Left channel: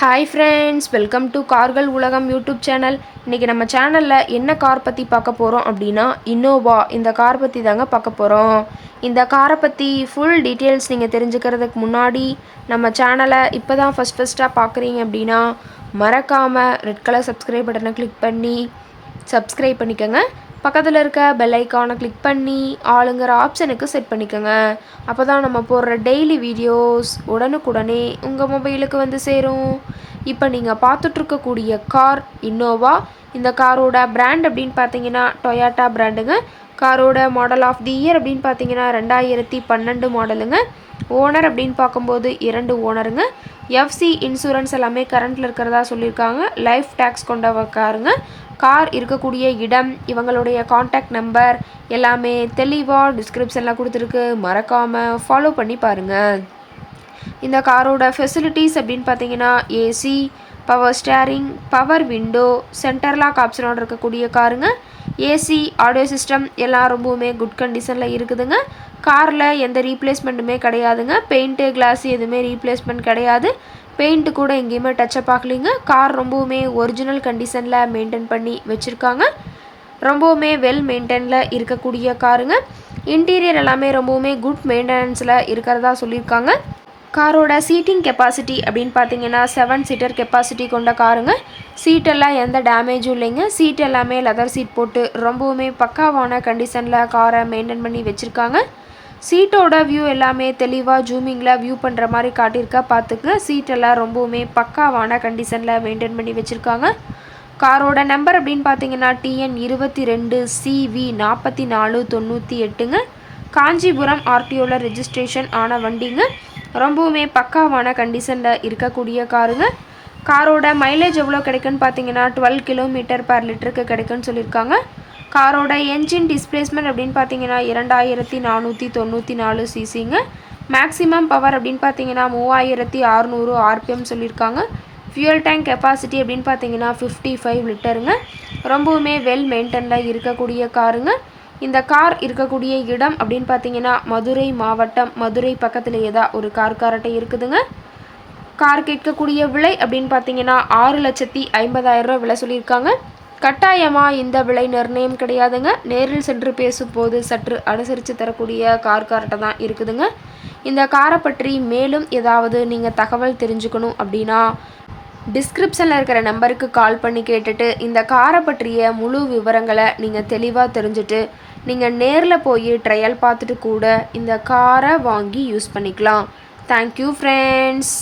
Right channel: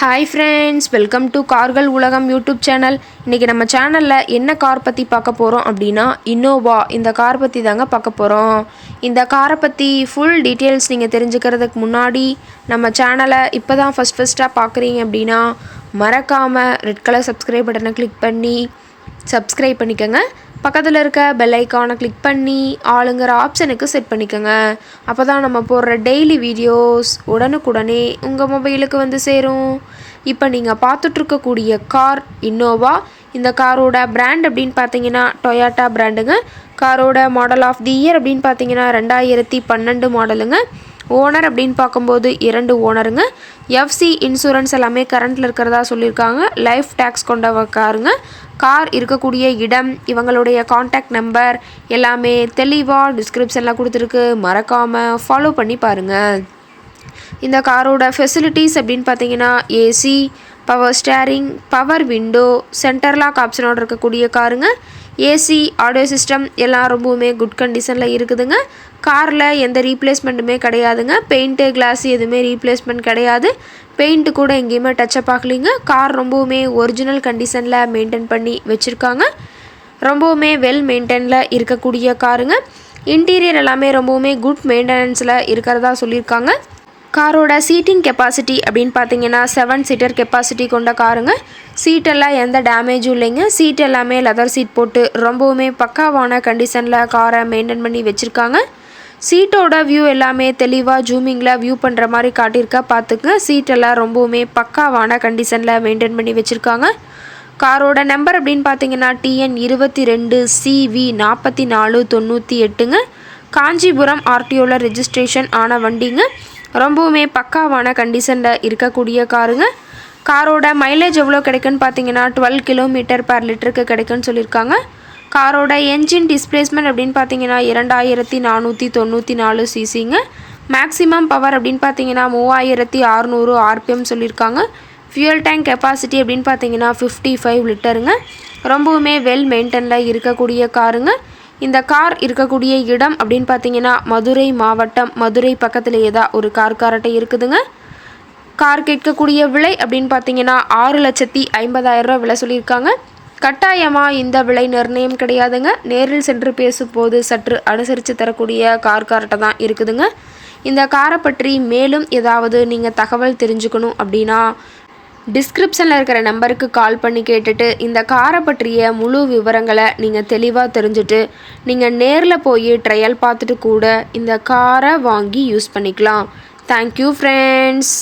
Hi friends, welcome to கார்கள் உலகம் YouTube channel. இன்றைக்கி நம்ம சேனலில் என்ன கார் பற்றி பார்க்க போகிறோம் அப்படின்னா, இன்னோவா இந்த கார் பற்றி தாங்க பார்க்க போகிறோம். இந்த காரை பற்றி ஃபுல் டீட்டெயில்ஸ் நீங்கள் தெரிஞ்சுக்கிறதுக்கு முன்னாடி நம்ம சேனலை இப்போ தான் ஃபஸ்ட்டாக பார்க்குறீங்க அப்படின்னா மறக்காமல் ரெட் கலர் சப்ஸ்கிரைப் பட்டனை கிளிக் பண்ணி சப்ஸ்கிரைப் பண்ணிக்கோங்க. பக்கத்தில் இருக்க பெல் ஐக்கானை கிளிக் பண்ணி ஆளுங்கிற ஆப்ஷனுக்கு செட் பண்ணிக்கோங்க. அப்போ தான் நம்ம போடுற டெய்லி வீடியோஸ் உடனுக்குடனே உங்கள் மொபைலுக்கு வந்து சேரும். இப்போ நீங்கள் பார்த்துட்ருக்கக்கூடிய கார் இன்னோவா. இந்த காரோட பிராண்ட் அப்படின்னு பார்த்தீங்கன்னா டொயாட்டா பிராண்டுங்க. காரோட மாடல் ஆஃப் தி இயர் அப்படின்னு பார்த்தீங்கன்னா 2012 மாடலுங்க. ஓனர் அப்படின்னு பார்க்கும்போது 2 ஓனருங்க. எஃப்சி இன்சூரன்ஸ் எல்லாமே கரண்ட்டில் இருக்கிறதா சொல்லியிருக்காங்க. லைஃப் டேக்ஸ் கொண்ட காருங்க. கார் இருக்கக்கூடிய இடம், இவங்களுடைய காண்டாக்ட் நம்பர் எல்லாமே தெளிவாக டிஸ்கிரிப்ஷனில் கொடுத்துருக்கு. மறக்காமல் ஃபாலோ பண்ணி பாருங்கள். இந்த காரோட ஃபெசிலிட்டிஸ் அப்படின்னு பார்த்தீங்கன்னா AC, power steering, power window, center lock ஆப்ஷனோடு இருக்கக்கூடிய காருங்க. ஏசி, ஆடியோ சிஸ்டம் எல்லாம் ரொம்பவுமே குட் கண்டிஷனில் இருக்குதுங்க. காரில் எந்த ரீப்ளேஸ்மெண்ட்டுமே கிடையாதுங்க. பெயிண்ட்டு, கிளாஸ் எதுவுமே ரீப்ளேஸ்மெண்ட் கிடையாது. பெயிண்ட்டு கூட எங்கேயுமே டச்சப் ஆகலிங்க. கார் ரொம்பவுமே ஒரிஜினல் கண்டிஷனில் மெயின்டைன் பண்ணி வச்சுருக்காங்க. ரொம்பவுமே வெல் மெயின்டைனில் இருக்கக்கூடிய காருங்க. இன்டீரியர் எல்லாமே ரொம்பவுமே குட் மெயின்டெனன்ஸில் இருக்கிறதா சொல்லியிருக்காங்க. காரோட சீட்டிங் கெப்பாசிட்டி அப்படின்னு பார்த்தீங்கன்னா 7 சீட்டர் கெப்பாசிட்டி கொண்ட காருங்க. சீட்டெல்லாம் எந்த டேமேஜும் இல்லைங்க. சீட் எல்லாமே லெதர் சீட் போட்டு ரொம்பவுமே பக்காவான கண்டிஷனில் காரை மெயின்டைன் பண்ணி வச்சுருக்காங்க. சீட்டோட வியூ எல்லாமே தெளிவாக ஜூமிங்கில் வியூ பண்ணுற மாதிரி காட்டியிருக்கா பார்த்துங்க. சீட்டெல்லாம் ரொம்பவுமே பக்காவான கண்டிஷனில் மெயின்டைன் பண்ணி வச்சுருக்காங்க. காரோட நம்பர் அப்படின்னு பார்த்தீங்கன்னா TN 22 CV 4498ங்க. காஞ்சிபுரம் RTOவில் ரெஜிஸ்ட்ரேஷன் ஆன வண்டிங்க. ரொம்பவுமே பக்காவான கண்டிஷனில் இருக்கக்கூடிய காருங்க. காரோட மைலேஜ் எவ்வளோ கிடைக்குன்னு பார்த்தீங்கன்னா 12 km/லிட்டருக்கு கிடைக்குன்னு சொல்லியிருக்காங்க. காரோட என்ஜின் டிஸ்பிளேஸ்மெண்ட் அப்படின்னு பார்த்தீங்கன்னா 2494 சிசிங்க. மேக்ஸிமம் பவர் அப்படின்னு பார்த்தீங்கன்னா 3600 RPM சொல்லியிருக்காங்க. ஃபியூயல் டேங்க் கெப்பாசிட்டி அப்படின்னு பார்த்தீங்கன்னா 55 லிட்டருங்க. ரொம்பவுமே வெல் மெயின்டெனில் இருக்கக்கூடிய காருங்க. இந்த கார் இருக்கக்கூடிய இடம் அப்படின்னு பார்த்தீங்கன்னா மதுரை மாவட்டம், மதுரை பக்கத்துலேயே தான் ஒரு கார்காரட்டை இருக்குதுங்க. கார் கேட்கக்கூடிய விலை அப்படின்னு பார்த்தீங்கன்னா 6,50,000 ரூபா விலை சொல்லியிருக்காங்க. கட்டாயமாக இந்த விலை நிர்ணயம் கிடையாதுங்க. நேரில் சென்று பேசும்போது சற்று அனுசரித்து தரக்கூடிய கார்காரட்டை தான் இருக்குதுங்க. இந்த காரை பற்றி மேலும் ஏதாவது நீங்கள் தகவல் தெரிஞ்சுக்கணும் அப்படின்னா டிஸ்கிரிப்ஷனில் இருக்கிற நம்பருக்கு கால் பண்ணி கேட்டுட்டு இந்த காரை பற்றிய முழு விவரங்களை நீங்கள் தெளிவாக தெரிஞ்சுட்டு நீங்கள் நேரில் போய் ட்ரையல் பார்த்துட்டு கூட இந்த காரை வாங்கி யூஸ் பண்ணிக்கலாம். Thank you friends.